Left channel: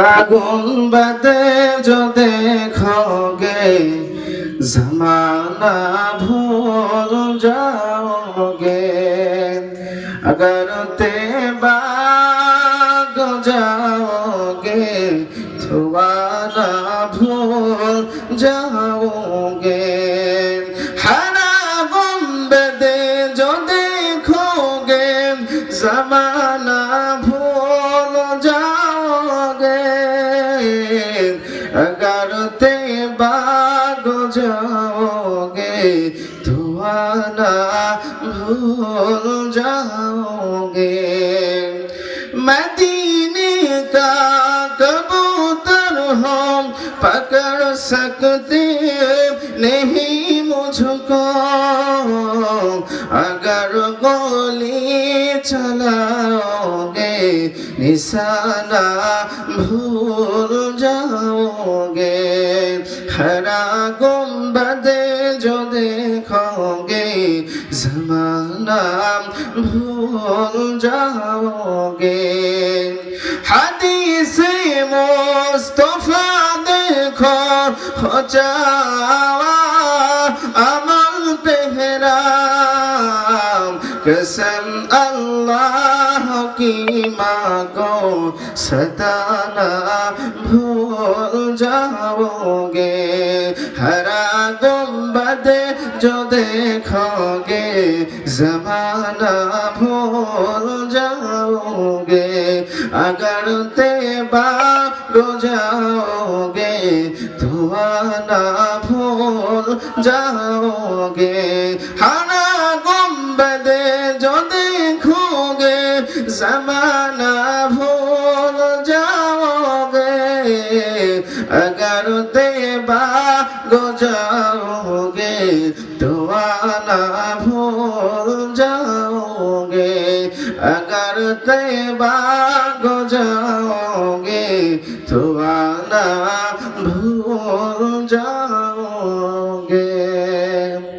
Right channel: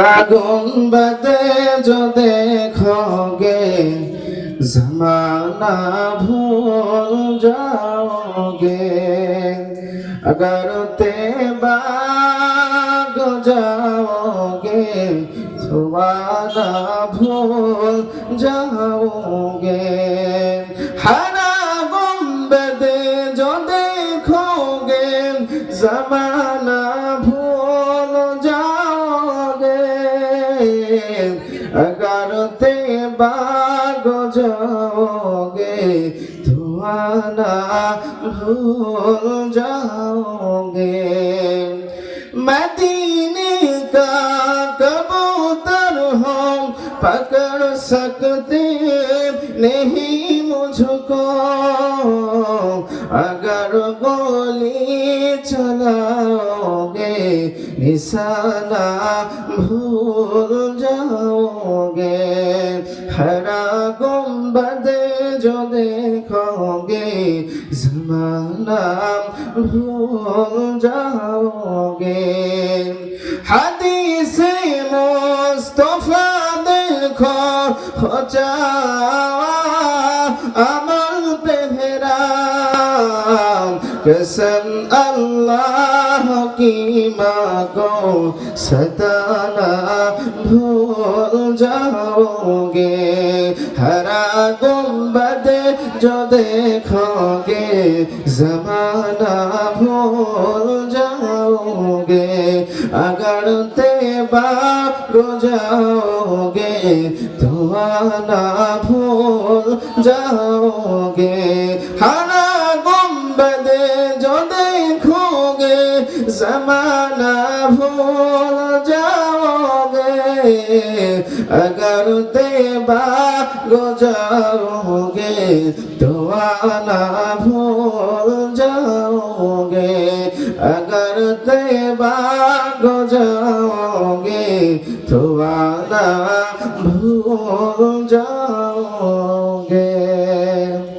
আগুন বাদে যদি খোগে জমানা ভুল যাওগে अगर ते बाग जाओगे थुआना भूल जाओगे हरा गुम्बे जो देखोगे जमाना भूल গারতে বাগজোগে ধোয়ানা ভুল যাওগে মদিনে কা কবুতর হম পকড় সকতে নেই মুঝকো আগর गोली चलाओ নিশানা ভুল যাওগে হরা গুম্বদে जो देखोगे जमाना भूल जाओगे हदीस मुस्तफा देखो हो जावा अमल तेरा कसम अल्लाह माँ को सताना भूल जाओगे हरा गुम्बद जो देखोगे जमाना भूल जाओगे अगर बाप रो जाओगे तो आना भूल जाओगे हरा জমানা ভুল যাওগে अगर देवा जाओगे तो आना भूल जाओगे अगर देवा जाओगे तो आना भूल जाओगे